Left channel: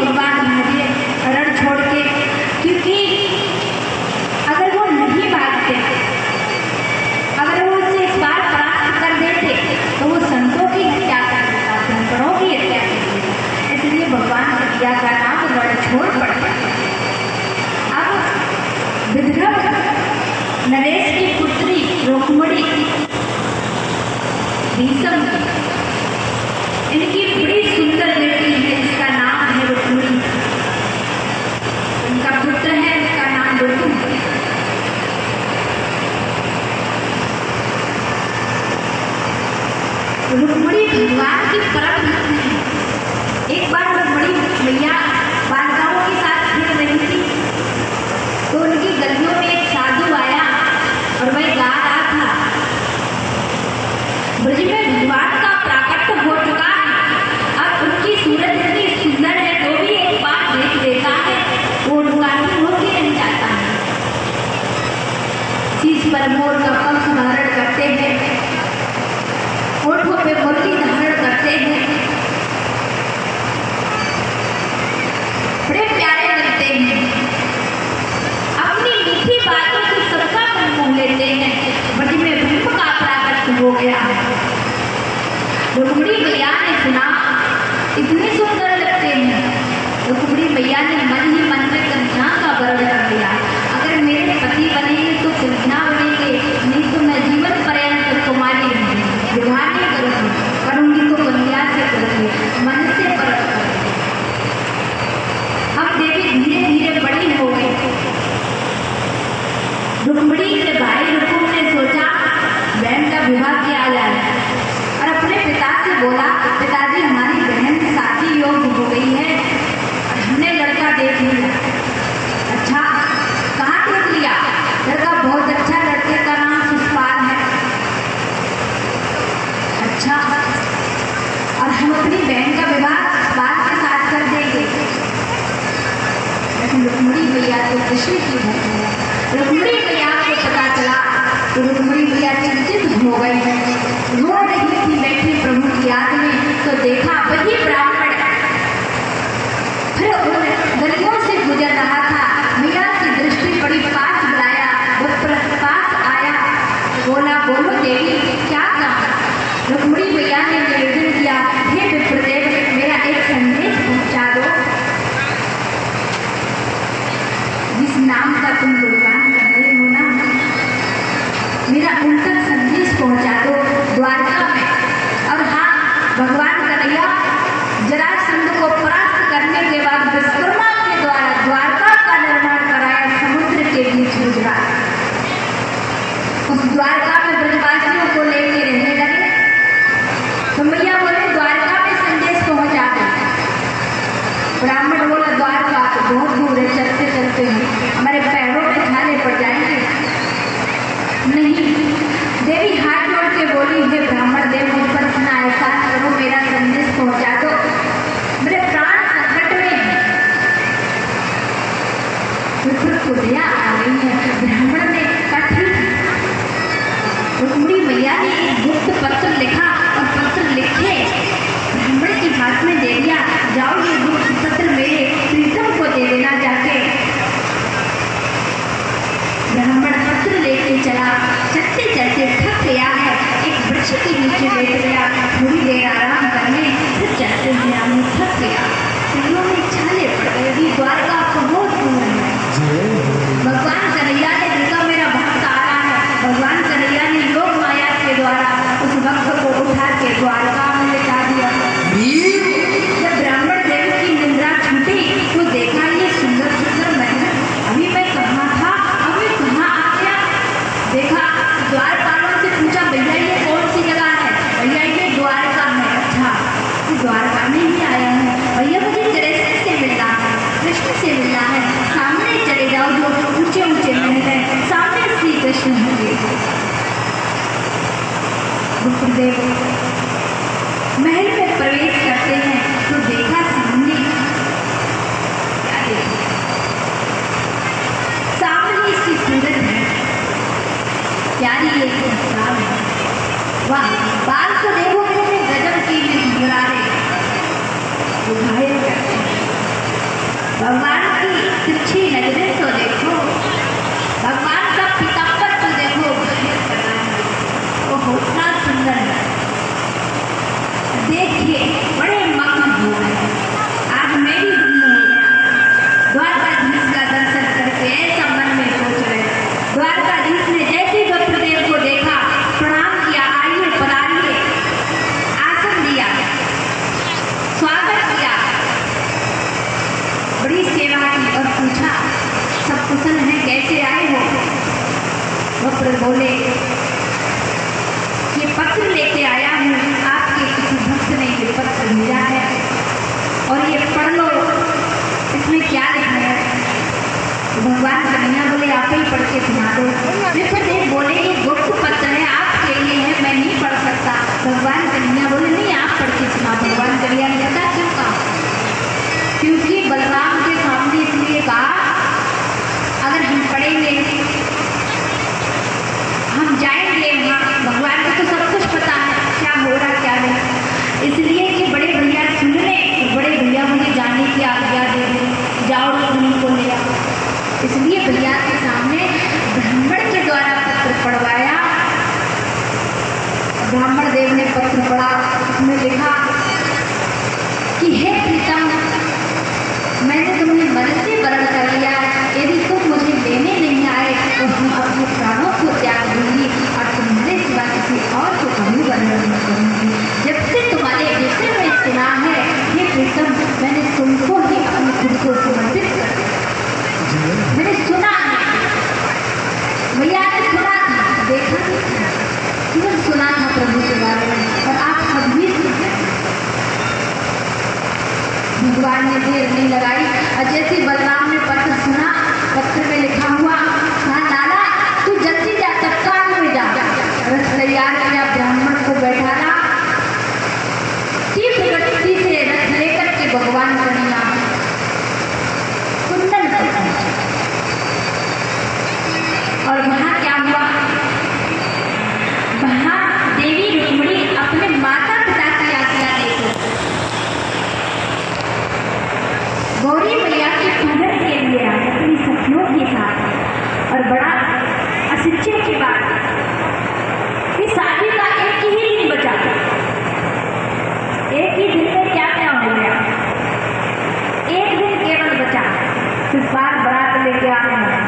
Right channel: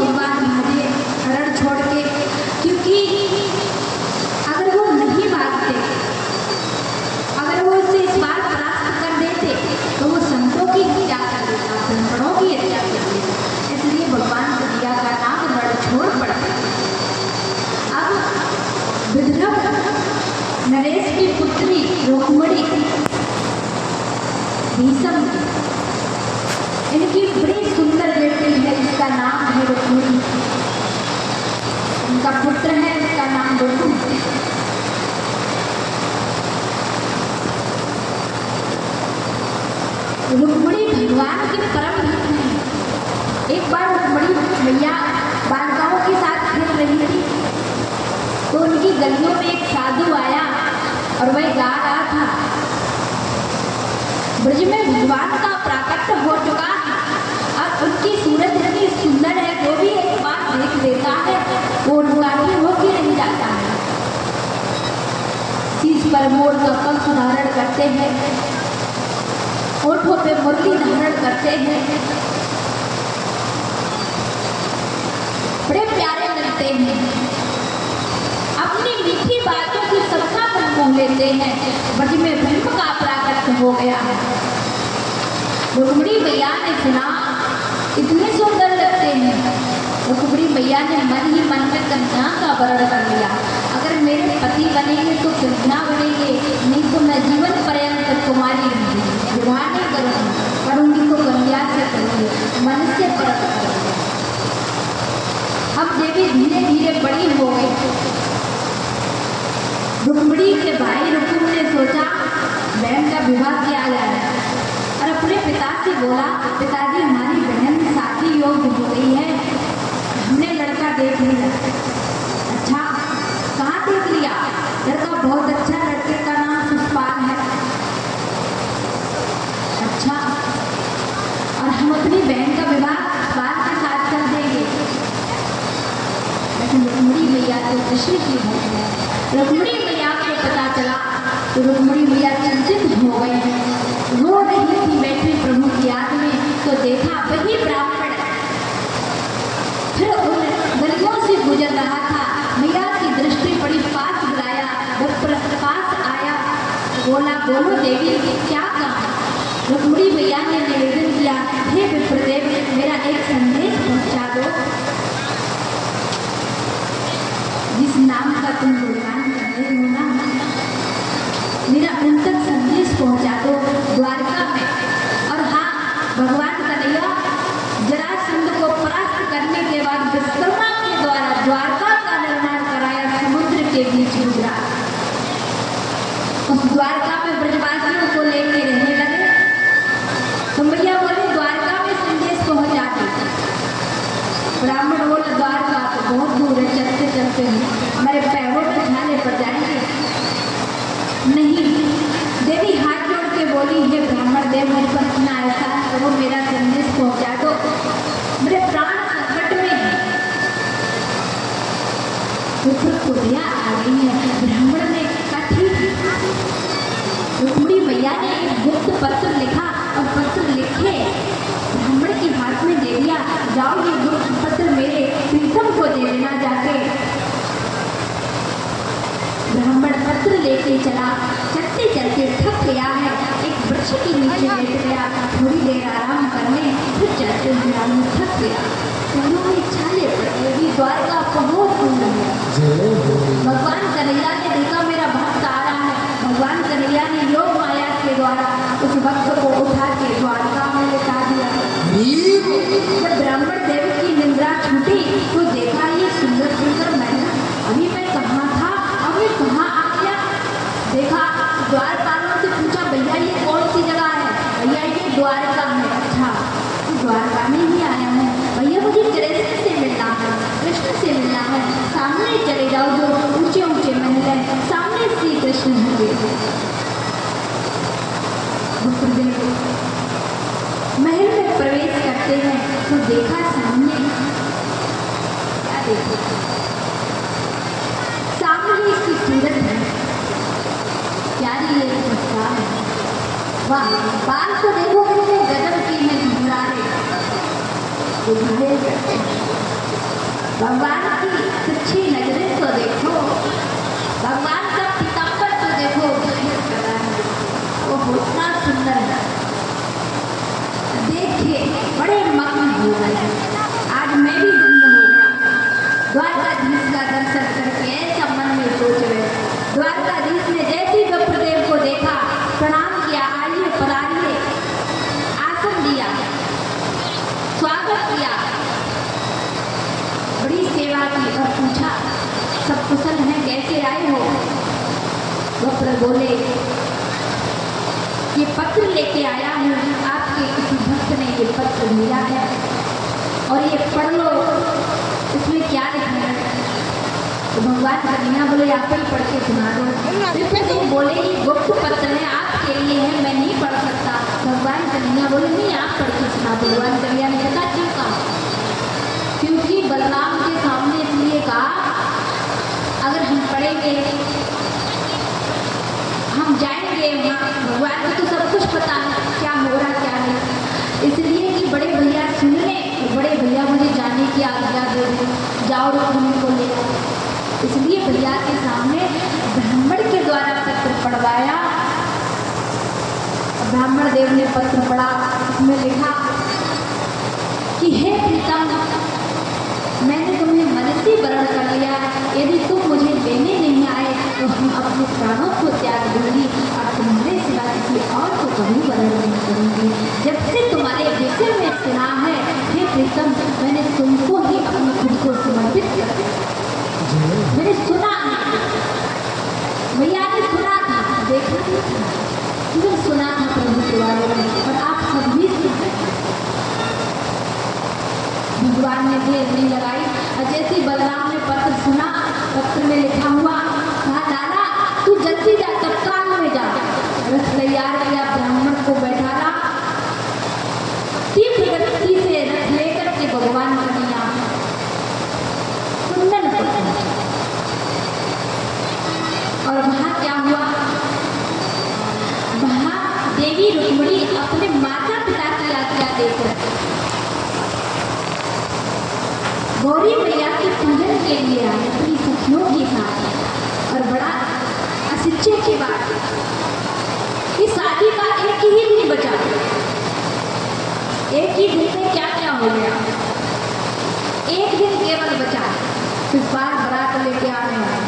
भगवान भागे रण छोड़ के, क्योंकि अगर वो नहीं भागते, अगर वो उससे इस बार प्राप्त कर देते तो वो संतों की हत्या कर देता, ब्राह्मणों की हत्या कर देता। इसलिए भगवान कन्हैया का नाम रण छोड़ पड़ता। अब विदर्भ नरेश की पुत्री रुक्मिणी भीषम, इनकी बड़ी सुंदर बेटी है, इसका नाम है रुक्मिणी। इनका पुत्र है, इसका नाम रुक्म। रुक्मिणी भगवान की परम भक्त है। एक बार रुक्मिणी मैया बालिकाओं के साथ खेल रही थी तो उनकी गलियों में एक साधु आया और वह गा रहा था, ब्रज में भगवान का प्राकट्य हो चुका है, अब उनकी सूरत इतनी सुंदर है, जो भी एक बार देख लेता है वो उद्घाटन हो के नहीं जाता है। शीश पर मोर का पंख धारण करते हैं, होठों पे मुरली धारण करते हैं, बड़े प्यारे लगते हैं, अपनी मीठी बातों से सबका मन मोह लेते हैं। ब्रज में ब्रह्म का प्राकट्य हो गया। रुक्मिणी मैया ने सुना इतने सुंदर लगते हैं। रुक्मिणी मैया ने मन ही मन में कन्या का वरण कर लिया, अगर मेरे पति बनेंगे तो कन्या बनेंगे, नहीं तो मैं जीवन पर्यंत कुमारी विवाह नहीं करूंगी तो कन्या से करूंगी, मन से परत करूंगी। अब देवी धीरे धीरे बड़ी हो गई। रुक्मिणी के भाई रुकुम ने सोचा बहन का विवाह किया जाए और अपने पिता से बोला, पिताजी हमारी बहन शादी योग्य हो गई है, हमने लड़का देख लिया। अच्छा, कहाँ देख लिया? लड़का बहुत अच्छा, लड़के का नाम सुषपाल है। अच्छा, और हम अपनी बहन का विवाह सुषपाल के साथ कर देंगे। लेकिन रुक्मिणी मैया तो कृष्ण की भक्त है। रुक्मिणी मैया को पता चला तो रुक्मिणी मैया चिंतित हो गई, रो रही थी बैठी प्रभु की याद में। तो देखा वही ब्राह्मण फिर उन गलियों से गुजर रहा था। मैया की दृष्टि पड़ी, पास बुलाया, जब पास आया बोला, बोलो देवी क्या कहा? रुक्मिणी मैया ने निवेदन किया, हे विप्रदेव मेरा एक संदेश पहुंचा दो, जिस नाम का तुम गुणगान कर रहे हो ना, मेरा उन तक संदेश पहुंचा दो द्वारका में। और हाँ, भगवान कन्हैया जरासंध को परास्त करने के बाद विश्वकर्मा के द्वारा द्वारका का निर्माण कराया समुद्र के बीच गुजरात। उस द्वारका में ब्रजवासियों को लेके रहने लगे। तो मैया बोले द्वारका में संदेश पहुंचा दो। ब्राह्मण बोला द्वारका तो बहुत दूर है, चलते चलते हमारे पैरों में छाले पड़ जाएंगे। नहीं, देवी हाथ जोड़ के बोली, हे ब्राह्मण देव मुझ पर इतना एहसान करो, मेरा संदेश पहुंचा दो, मेरे प्राण संकट में है। खुदिया आ गई है। ब्राह्मण ने कहा ठीक है। रुक्मिणी मैया ने एक गुप्त पत्र लिखा और पत्र लिखे ब्राह्मण के हाथ में दे दिया, जाओ ये गुप्त पत्र मेरे प्रीतम को दे देना जाके। ब्राह्मण पत्र लेके चला, चलते चलते थक गया है, एक वृक्ष के नीचे बैठ गया, थोड़ी देर आराम करने, फिर चलते हुए थक गया, पैरों में छाले पड़ गए। द्वारका बहुत दूर है। भगवान कन्हैया ने देखा मेरा भक्त आ रहा है, भगवान कन्हैया ने योग माया के द्वारा उस भक्त को उठा के द्वारका में लेटा दिया। जब ब्राह्मण देव की निंद्रा छूटी तो देखा ये सुंदर सुंदर महल, अभी मैं कहाँ था, अभी कहाँ आ गया। देखा द्वारपालों से पूछा, भैया ये कौन सी जगह है? भैया ये द्वारका है। अच्छा, द्वारका में ही आया है। भैया मुझे कृष्ण से मिलना है, कृष्ण से मिलना है, सामने चले जाओ, जो ऊंचे ऊंचे महल है, सामने श्री कृष्ण होंगे। महल में प्रवेश करते हैं तो देखा सामने क्या देखो, सामने ही इसकी सूरत है, प्यारी एक प्रस्ताव है। वाह, बाल को देखो कितने गजब की में घुरा रहे, वो घायल करते हैं। भगवान की तिरछी नजरें तो देखो, भगवान का पीताम्बर तो देखो, वो इतना सुंदर है। देखिए बड़े मगन हो गए। आज मैं भी धन्य हो गया, द्वारकाधीश का दर्शन करके ऐसा मन में सोच रहे। द्वारकाधीश ने जैसे विप्रदेव को देखा, प्रणाम किया, आइए पधारिए, आसन दिया, स्वागत किया, बड़ी सेवा की और पूछा सब कुशल है, कैसे आए हो? विप्र बोले ये पत्र लेके आया हूँ, आपके किसी भक्त ने ये पत्र भेजा है और ये पढ़ लो, इसमें क्या लिखा है? तो भगवान कन्हैया बोले आप ही पढ़ के सुना दो। विप्रदेव बोले ये गुप्त पत्र है, आपके लिए है, मैं नहीं पढ़ सकता। भगवान कन्हैया बोले नहीं आप पढ़ के सुना दो। भगवान कन्हैया ने कहा क्यों? कहा क्योंकि बलराम के सामने इसलिए कहा अगर हम पढ़ेंगे, हम जाएंगे वहाँ, भगवान को तो सब कुछ पता है क्या हो रहा क्या नहीं, इसलिए कि बड़े भैया सुन लें, बड़े भैया मुझे जाने की आज्ञा दे दें, जाओ उनको ले आओ। इसलिए भैया के सामने ब्राह्मण के द्वारा पत्र पढ़वाया। ब्राह्मण देव ने पत्र पढ़ा, उसमें लिखा कि हे प्रीतम, मैंने तुम्हें मन से वरण कर लिया, यदि तुम मुझे लेने नहीं आए तो हम अपने प्राणों को त्याग दूंगी और तुम्हारे सिवा किसी और को कभी वरण नहीं करूंगी। जब से तुम्हारे विषय में सुना है हे प्रीतम, मैंने तुमको ही अपने खुद को समर्पित कर दिया। मैंने सुना है, भैया ने सुना था, देखा नहीं था, केवल सुना था प्रभु के बारे में, और आप सब भी सुनते। भगवान ने देर नहीं लगाई और जैसे बलराम ने पत्र सुना, पत्र में लिखा हुआ, कहा लाला तू जल्दी जा, तत्काल में जा। रथ तैयार किया, ब्राह्मण को बैठाला, तीव्र गति से रथ लेकर के भगवान कन्हैया कुंदन पर पहुंचे। और वहां क्या हुआ? वहां देवी रुक्मिणी अपने माता पिता की आज्ञा देकर गौरी मैया के पूजन के लिए आए अपनी सखियों के साथ। और बड़ा आश्चर्य की बात कि शादी का एक ही दिन बचा, एक ही दिन में क्या क्या हो गया, एक दिन केवल बचा। फिर बार बारात लेके आ रहे हैं,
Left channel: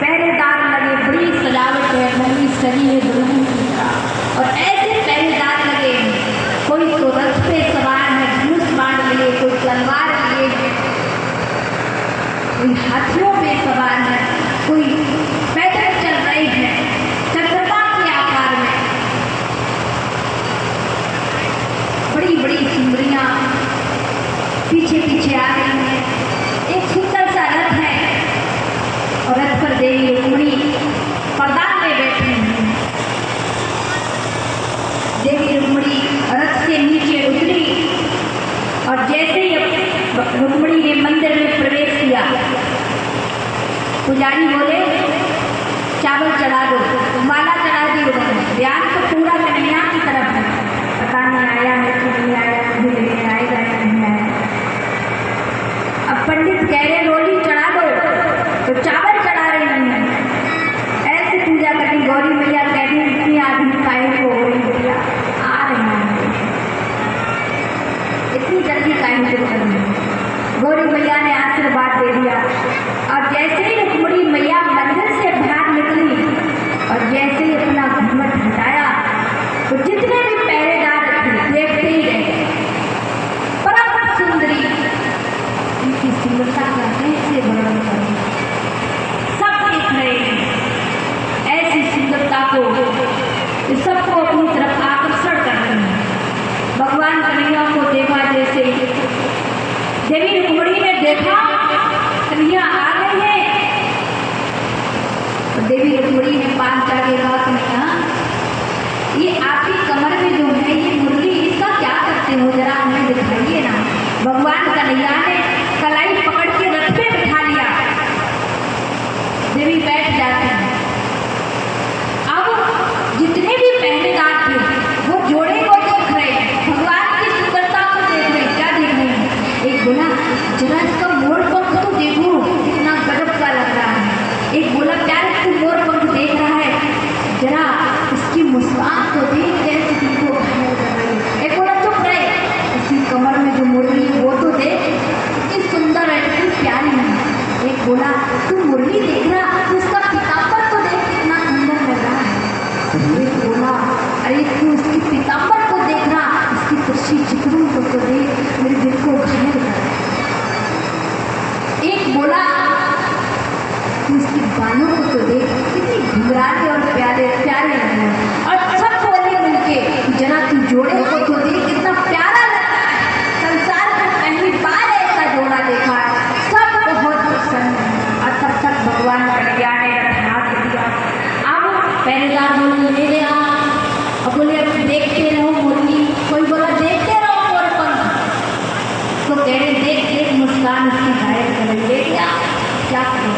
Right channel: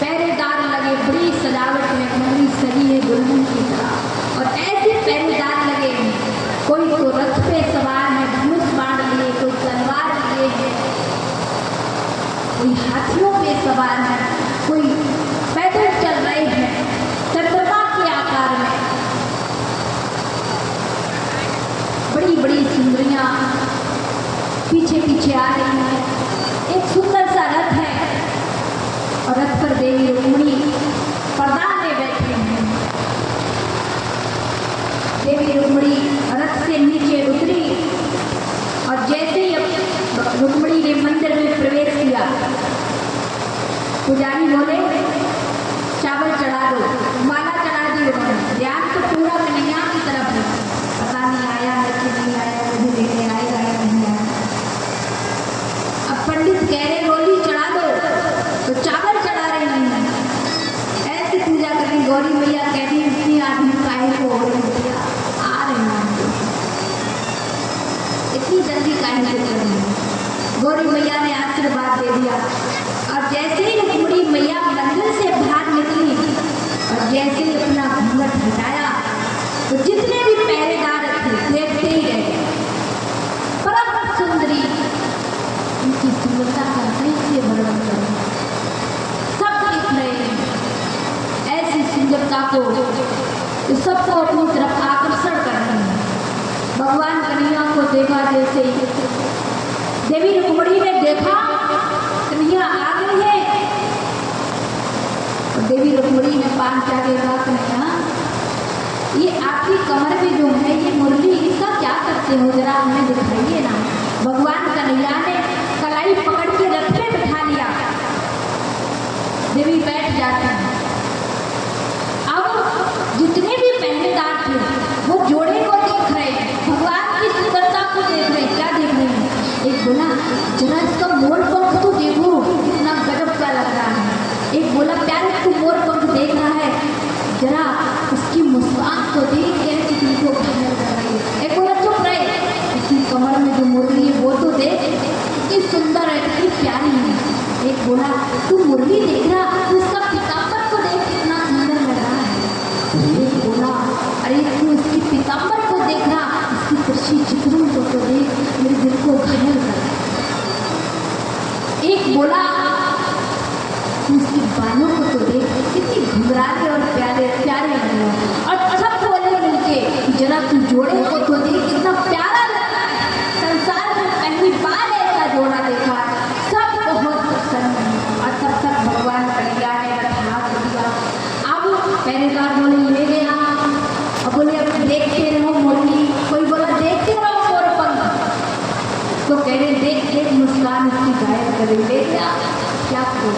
पहरेदार लगे, बड़ी सजावट है, नई सरी है दुल्हन की तरह, और ऐसे पहरेदार लगे, कोई तो रथ पे सवार है, धनुष बाण लिए, कोई तलवार लिए है, कोई हाथियों पे सवार है, कोई पैदल चल रहे हैं चंद्रमा के आकार में। बड़ी बड़ी सुंदरियां पीछे पीछे आ रही हैं। एक सुंदर सा रथ है और रथ पर देवी रुक्मिणी प्रदान में बैठी हैं। देवी रुक्मिणी रथ से नीचे उतरी और जैसे ही रुक्मिणी ने मंदिर में प्रवेश किया, पुजारी बोले चावल चढ़ा दो, माला चढ़ा दी उन्होंने। ध्यान तो पूरा कन्हैया की तरफ है, पता नहीं आया है कि नहीं आया, नहीं आएगा नहीं आया। अब पंडित कह रहे रोली चढ़ा दो, तो चावल चढ़ा रहे हैं। ऐसी पूजा करनी, गौरी मैया कहती इतनी आदमी काहे को हो रही भैया, आ रहे हैं, इतनी जल्दी काहे को कर रही। गौरी मैया ने आशीर्वाद दे दिया और जैसे ही रुक्मिणी मैया मंदिर से बाहर निकली और जैसे ही अपना घूंघट हटाया, तो जितने भी पहरेदार थे देखते ही रहे। परम सुंदरी, उनकी सुंदरता का कैसे वर्णन करूं, सब देख रहे हैं ऐसी सुंदरता को, सबको अपनी तरफ आकर्षण कर रहे हैं। भगवान कन्हैया को देखा, जैसे देवी रुक्मिणी ने देखा कन्हैया आ गई है, तो देवी रुक्मिणी ने पांच आगे कहा कन्हैया ये आपकी कमर में जो है ये मुरली, इसका क्या करते हो, जरा हमें दिखाइए ना। भगवान कन्हैया ने कलाई पकड़ के रथ पे बिठा लिया, देवी बैठ जाती है। अब जितने भी पहरेदार थे वो जोड़े को देख रहे हैं, भगवान की सुंदरता को देख रहे हैं। क्या देख रहे हैं? एक बोला जरा इसका मोड़ पंख तो बोला, तू मुरली देख रहा, तू इसका पीताम्बर को देख कितना सुंदर लग रहा है। एक बोला, अरे तू इसकी पीताम्बर को देख रहा, इसकी तिरछी चित्रों को तो देख, मेरे दिल को घायल कर रहा है। एक बोला, तू इसके बालों को तो देख, कितनी घुंघराले और प्यारे प्यारे लग रहे हैं। और सब बोले मिलके, जरा तू जोड़े को तो देख, कितना प्यारा लग रहा है, संसार में पहली बार ऐसा जोड़ा देखा। सब बहुत प्रसन्न है। और तब तक भगवान कन्हैया ने रथ हाथ दिया। अब पहरेदार बोले ले गया, अब बोले अब देखते रहो मुरली, कोई बोला देखते रहो मोरपंख, तो कह रहे देख देख मुस्कान उसकी घायल कर ले गया, क्या करो।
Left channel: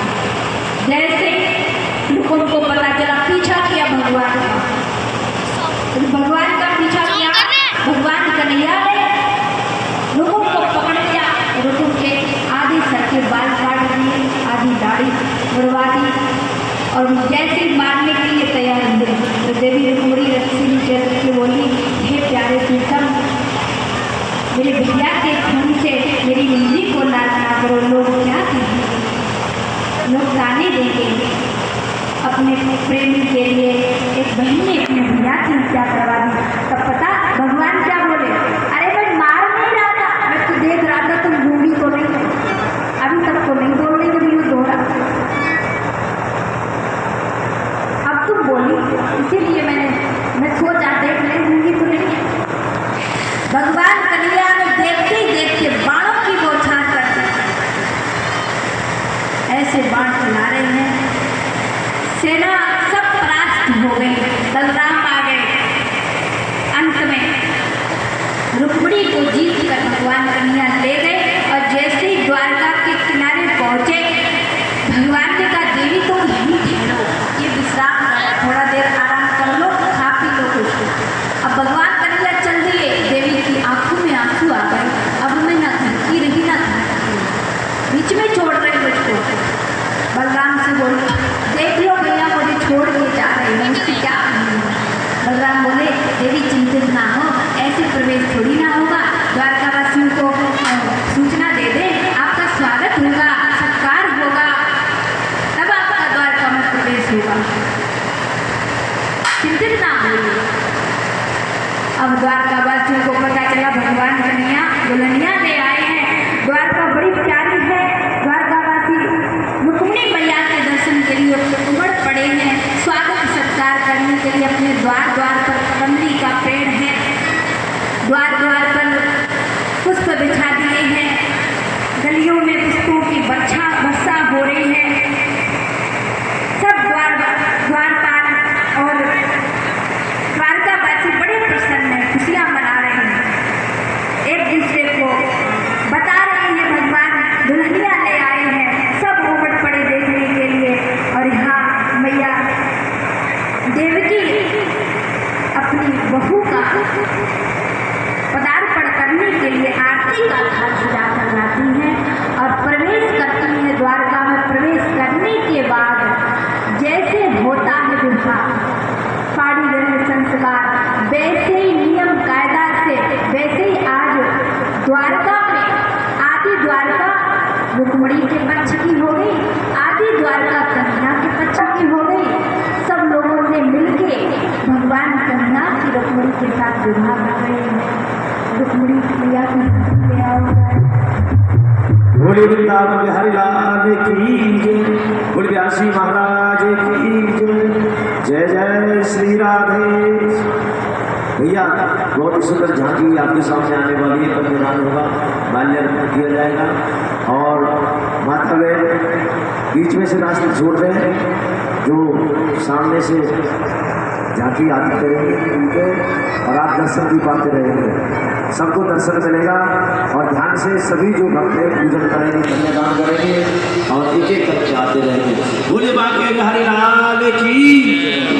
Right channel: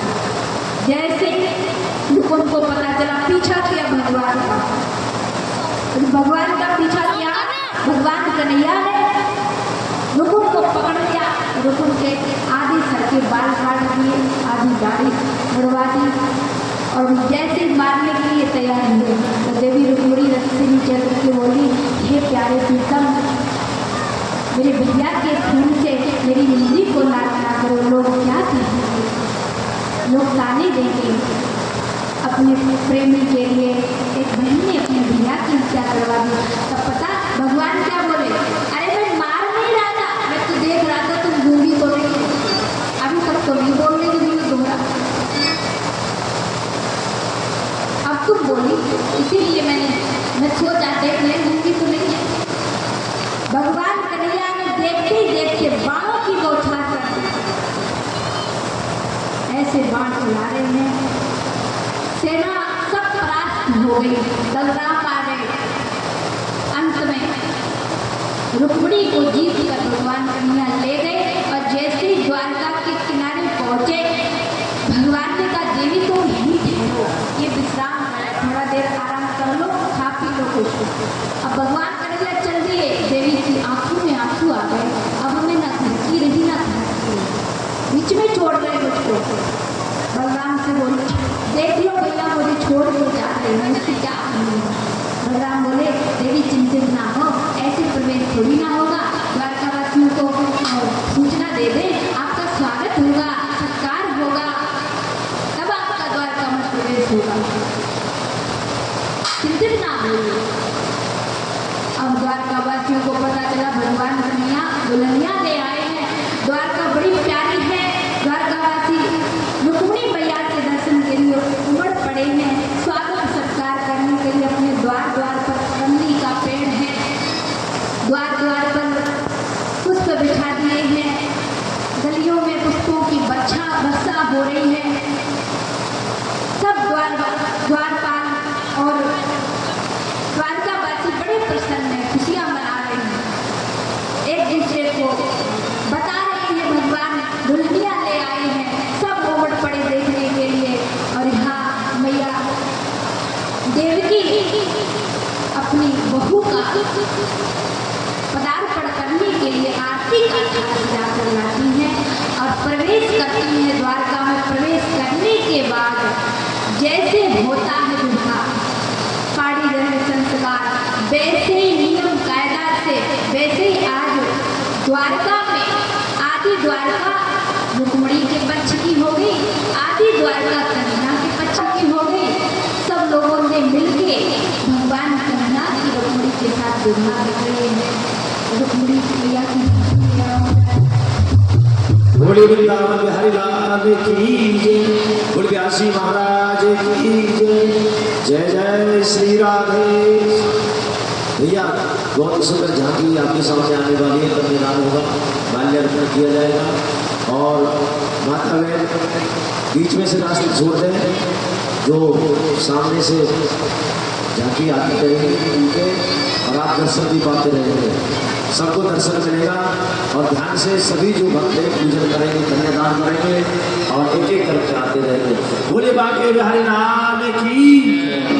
जैसे लोगों को पता चला, पीछा किया भगवान का, भगवान का पीछा किया, भगवान कन्हैया ने लोगों को पकड़ लिया, लोगों के आधे सर के बाल काट दिए, आधी दाढ़ी बढ़वा दी, और जैसे ही मारने के लिए तैयार हुए तो देवी रुक्मिणी रथ से नीचे उतर के बोली, हे प्यारे प्रीतम, मेरे भैया के खून से मेरी निंदी को लाल ना करो, लोग क्या कहेंगे, लोग गाने देंगे। अपने प्रेमी के लिए एक बहन ने अपने भैया की हत्या करवा दी। तब पता भगवान क्या बोले, अरे मैं मार नहीं रहा था, मैं तो देख रहा था तुम गूंगी तो नहीं, अभी तक तो नहीं बोल रही, तो मैं दोहरा, अब तुम बोली, इसीलिए मैं सोचा देख ले गूंगी तो नहीं। भगवान कन्हैया ने देखते ही देखते बाणों की बौछार कर दी। ऐसे बाण चला रहे हैं, सेना सब परास्त हो गई, बलराम आ गए। अंत में रुक्मिणी को जीत कर भगवान कन्हैया ले गए, और जैसे ही द्वारका के किनारे पहुंचे, भगवान ने कहा, देवी तुम यहीं ठहरो, ये विश्राम करो, थोड़ा देर आराम कर लो, खा पी लो कुछ। अब भगवान कन्हैया चल दिए, देवी की आंखों में आंसू आ गए, अब मैं ना थकी रही ना थकी, बीच में छोड़ रहे मुझको। बलराम से बोले, देख लो भैया मुझे छोड़ के जा रहे हैं, उसकी क्या कमी है। बलराम बोले, देवी चिंतित ना हो, ऐसे प्रवेश थोड़ी ना होगा, द्वारकावासियों को सूचना दे दे, आपका स्वागत होगा, सत्कार होगा, तब आपका द्वारका में प्रवेश होगा, चिंतित ना होइए। अब द्वारकावासियों को पता चला भगवान कन्हैया दुल्हनिया ले आए हैं, द्वारका बड़ी प्यारी है, द्वारकावासी रुक्मिणी मैया के दर्शन के लिए उमड़ पड़े हैं, स्वागत सत्कार करने के लिए अपने द्वार द्वार पर कमली का पेड़ है, द्वार द्वार पर पुष्प बिछा दिए हैं, गलियों में पुष्पों की वर्षा हो रही है। सब द्वारपाल और द्वारकावासी बड़े प्रसन्न हैं, खुशियाँ मना रहे हैं, एक दूसरे को बता रहे हैं भगवान दुल्हनिया ले आए हैं, सब उमड़ पड़े देखने के लिए। और यहाँ मैया देवकी अपनी बहू का पदार्पण करने के लिए आरती का थाल सजा कर लाती हैं और प्रवेश करती हैं। द्वारका में प्रवेश करने के बाद जैसे होता है दुर्गा साड़ी रंग संस्कार, वैसे ही नियम कायदा से, वैसे ही आज द्वारका में आदि द्वारका रुक्मिणी के पक्ष की हो गई, आदि द्वारका कन्हैया के पक्ष की हो गई। सब लोगों ने मिलके भगवान कन्हैया की रुक्मिणी के साथ विवाह कर रहे हैं। रुक्मिणी प्रिया की बोले वृंदावन बिहारी लाल की जय, बोले व्यासी महाराज की जय, जय जय श्री राधे। भैया बहुत ही सुंदर झांकी आपके सामने आने वाली है, कन्यादान होगा, माल्यार्पण किया जाएगा और माता बहन बीच में से रास्ते छोड़ दें, जो सामने से झांकी आती करेंगे उनके, और आप दर्शन भी पाते रहेंगे, सबको दर्शन मिलेगा। और ध्यान से सभी जो भक्त हैं पूजन करेंगे, कन्यादान करेंगे और एक एक करके आते रहेंगे। बोले बांके बिहारी लाल की।